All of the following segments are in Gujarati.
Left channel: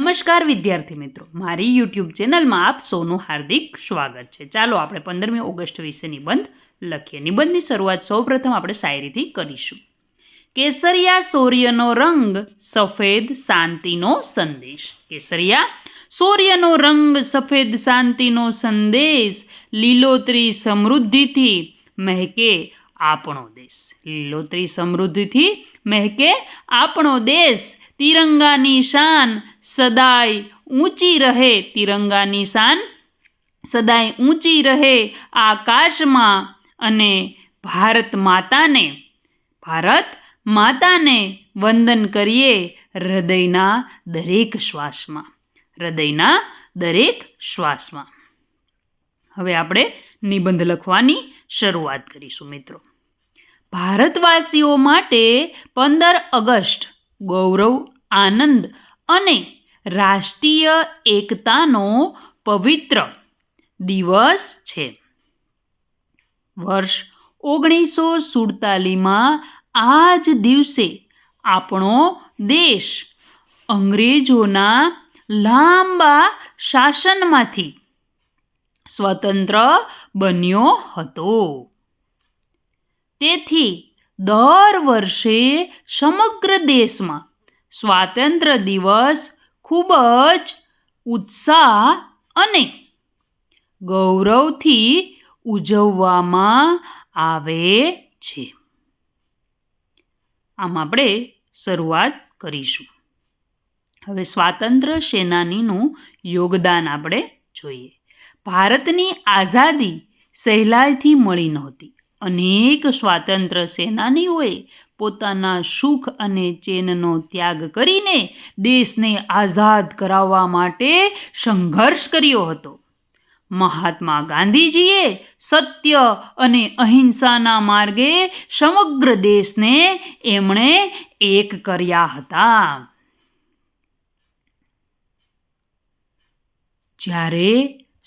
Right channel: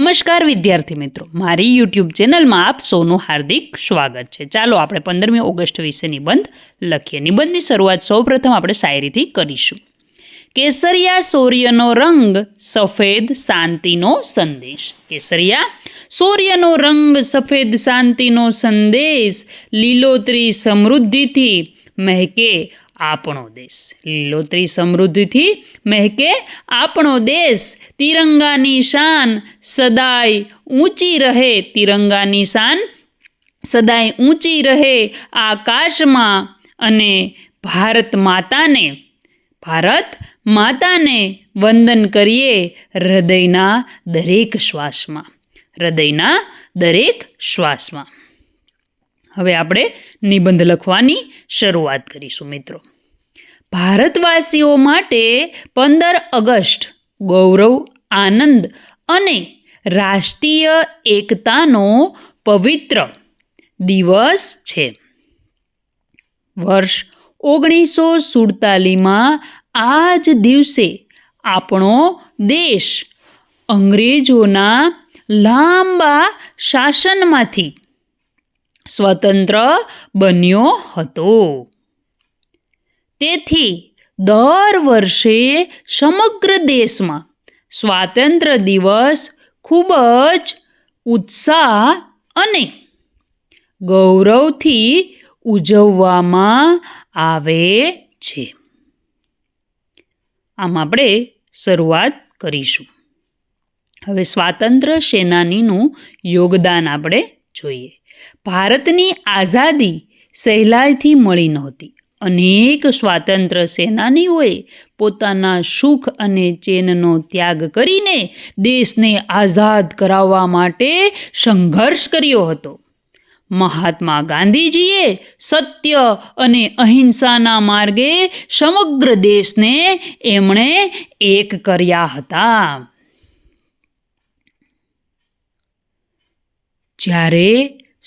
નમસ્કાર વિદ્યાર્થી મિત્રો, મારી યુટ્યુબ ચેનલમાં આપ સૌનું હાર્દિક સ્વાગત છે. ચાલો આપણે 15મી ઓગસ્ટ વિશે નિબંધ લખીએ. નિબંધની શરૂઆત સૌપ્રથમ આપણે શાયરીથી કરીશું. કેસરિયા સૂર્યનો રંગ, સફેદ શાંતિનો સંદેશ. કેસરિયા સૂર્યનો રંગ, સફેદ શાંતિનો સંદેશ, લીલોતરી સમૃદ્ધિથી મહેકે આપણો દેશ. લીલોતરી સમૃદ્ધિથી મહેકે આપણો દેશ. તિરંગાની શાન સદાય ઊંચી રહે. તિરંગાની શાન સદાય ઊંચી રહે આકાશમાં. અને ભારત માતાને વંદન કરીએ હૃદયના દરેક શ્વાસમાં. હૃદયના દરેક શ્વાસમાં. હવે આપણે નિબંધ લખવાની શરૂઆત કરીશું મિત્રો. ભારતવાસીઓ માટે 15 ઓગસ્ટ ગૌરવ, આનંદ અને રાષ્ટ્રીય એકતાનો પવિત્ર દિવસ છે. વર્ષ 1947માં આ જ દિવસે આપણો દેશ અંગ્રેજોના લાંબા શાસનમાંથી સ્વતંત્ર બન્યો હતો. તેથી દર વર્ષે સમગ્ર દેશમાં સ્વાતંત્ર્ય દિવસ ખૂબ જ ઉત્સાહ અને ગૌરવથી ઉજવવામાં આવે છે. આમ આપણે શરૂઆત કરીશું. હવે સ્વાતંત્ર્ય સેનાનીનું યોગદાન આપણે જોઈએ. ભારતની આઝાદી સહેલાઈથી મળી નહોતી. અનેક સ્વાતંત્ર્ય સેનાનીઓએ પોતાના સુખ અને ચેનનો ત્યાગ કરીને દેશને આઝાદ કરાવવા માટે સંઘર્ષ કર્યો હતો. મહાત્મા ગાંધીજીએ સત્ય અને અહિંસાના માર્ગે સમગ્ર દેશને એમણે એક કર્યા હતા. જ્યારે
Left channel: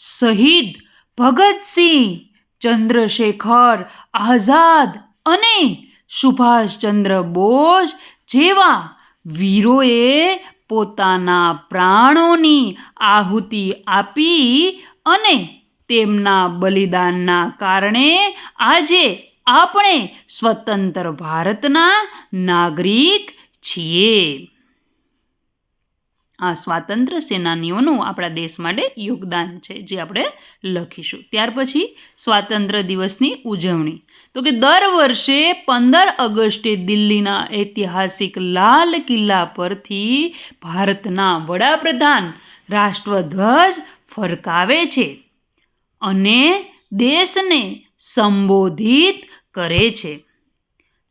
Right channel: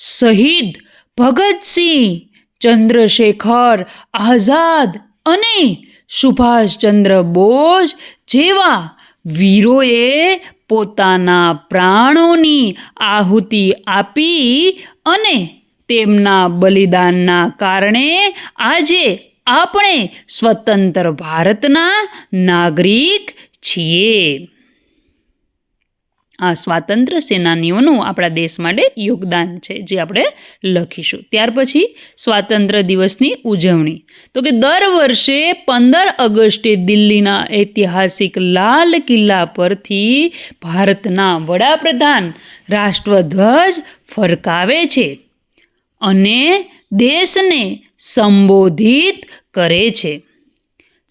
શહીદ ભગતસિંહ, ચંદ્રશેખર આઝાદ અને સુભાષચંદ્ર બોઝ જેવા વીરોએ પોતાના પ્રાણોની આહુતિ આપી અને તેમના બલિદાનના કારણે આજે આપણે સ્વતંત્ર ભારતના નાગરિક છીએ. આ સ્વાતંત્ર્ય સેનાનીઓનું આપણા દેશ માટે યોગદાન છે, જે આપણે લખીશું. ત્યાર પછી સ્વાતંત્ર્ય દિવસની ઉજવણી. તો કે દર વર્ષે 15 ઓગસ્ટે દિલ્હીના ઐતિહાસિક લાલ કિલ્લા પરથી ભારતના વડાપ્રધાન રાષ્ટ્રધ્વજ ફરકાવે છે અને દેશને સંબોધિત કરે છે.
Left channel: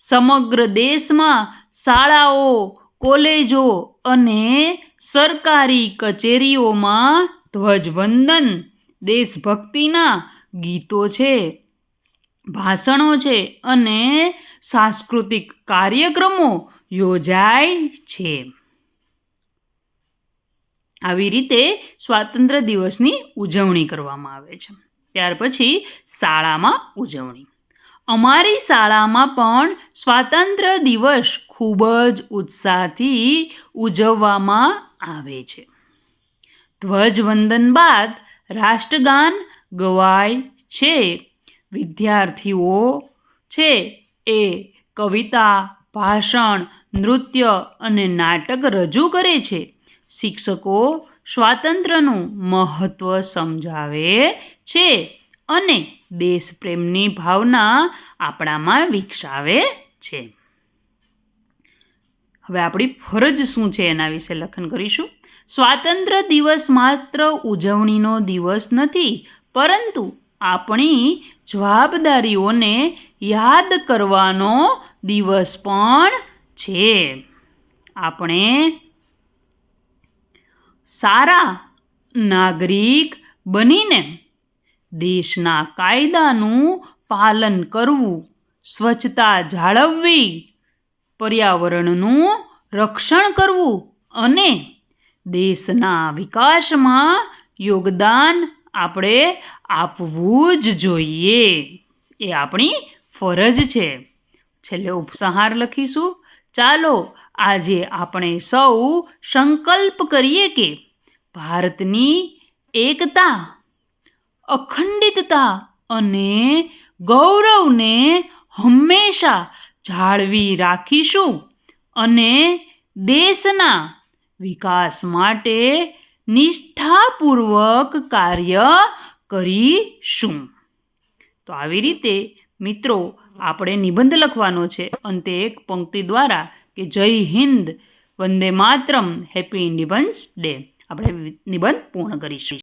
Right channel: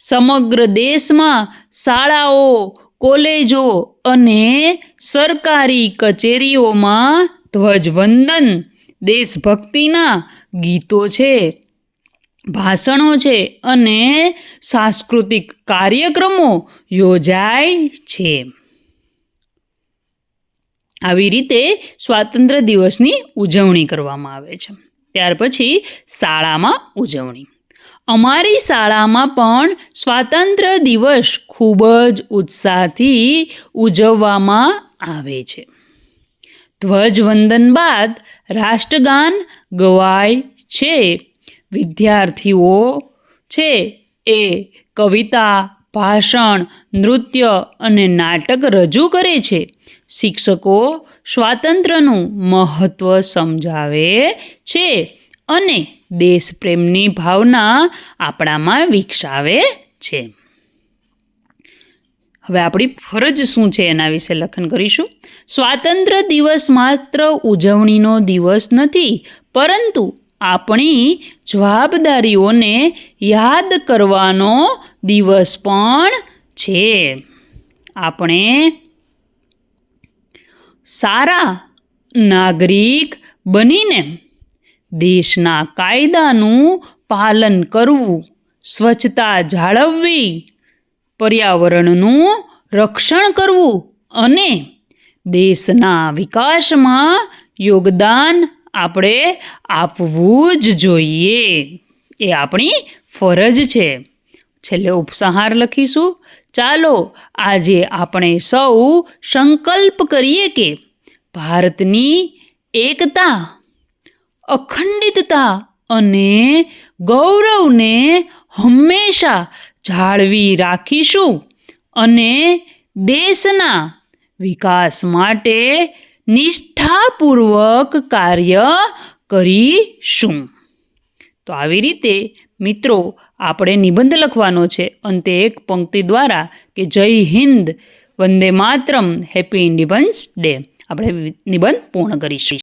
સમગ્ર દેશમાં શાળાઓ, કોલેજો અને સરકારી કચેરીઓમાં ધ્વજવંદન, દેશભક્તિના ગીતો છે, ભાષણો છે અને સાંસ્કૃતિક કાર્યક્રમો યોજાય છે. આવી રીતે સ્વાતંત્ર્ય દિવસની ઉજવણી કરવામાં આવે છે. ત્યાર પછી શાળામાં ઉજવણી. અમારી શાળામાં પણ સ્વાતંત્ર્ય દિવસ ખૂબ જ ઉત્સાહથી ઉજવવામાં આવે છે. ધ્વજવંદન બાદ રાષ્ટ્રગાન ગવાય છે. વિદ્યાર્થીઓ છે એ કવિતા, ભાષણ, નૃત્ય અને નાટક રજૂ કરે છે. શિક્ષકો સ્વાતંત્ર્યનું મહત્ત્વ સમજાવે છે અને દેશપ્રેમની ભાવના આપણામાં વિકસાવે છે. હવે આપણી ફરજ શું છે એના વિશે લખન કરીશું. સ્વાતંત્ર્ય દિવસ માત્ર ઉજવણીનો દિવસ નથી, પરંતુ આપણી જવાબદારીઓને યાદ કરવાનો દિવસ પણ છે. આપણે સારા નાગરિક બનીને દેશના કાયદાનું પાલન કરવું, સ્વચ્છતા જાળવવી, પર્યાવરણનું રક્ષણ કરવું અને દેશના વિકાસમાં યોગદાન આપણે આપવું જ જોઈએ. એ આપણી ફરજ છે. છેલ્લે ઉપસંહાર લખીશું. ચાલો આજે આપણે સૌ સંકલ્પ કરીએ કે ભારતની એકતા, અખંડિતતા અને ગૌરવને હંમેશા જાળવી રાખીશું અને દેશના વિકાસ માટે નિષ્ઠાપૂર્વક કાર્ય કરીશું. તો આવી રીતે મિત્રો આપણે નિબંધ લખવાનો છે. અંતે એક પંક્તિ દ્વારા કે જય Hind, Vande Mataram, happy independence day આપણે નિબંધ પૂર્ણ કરીશું.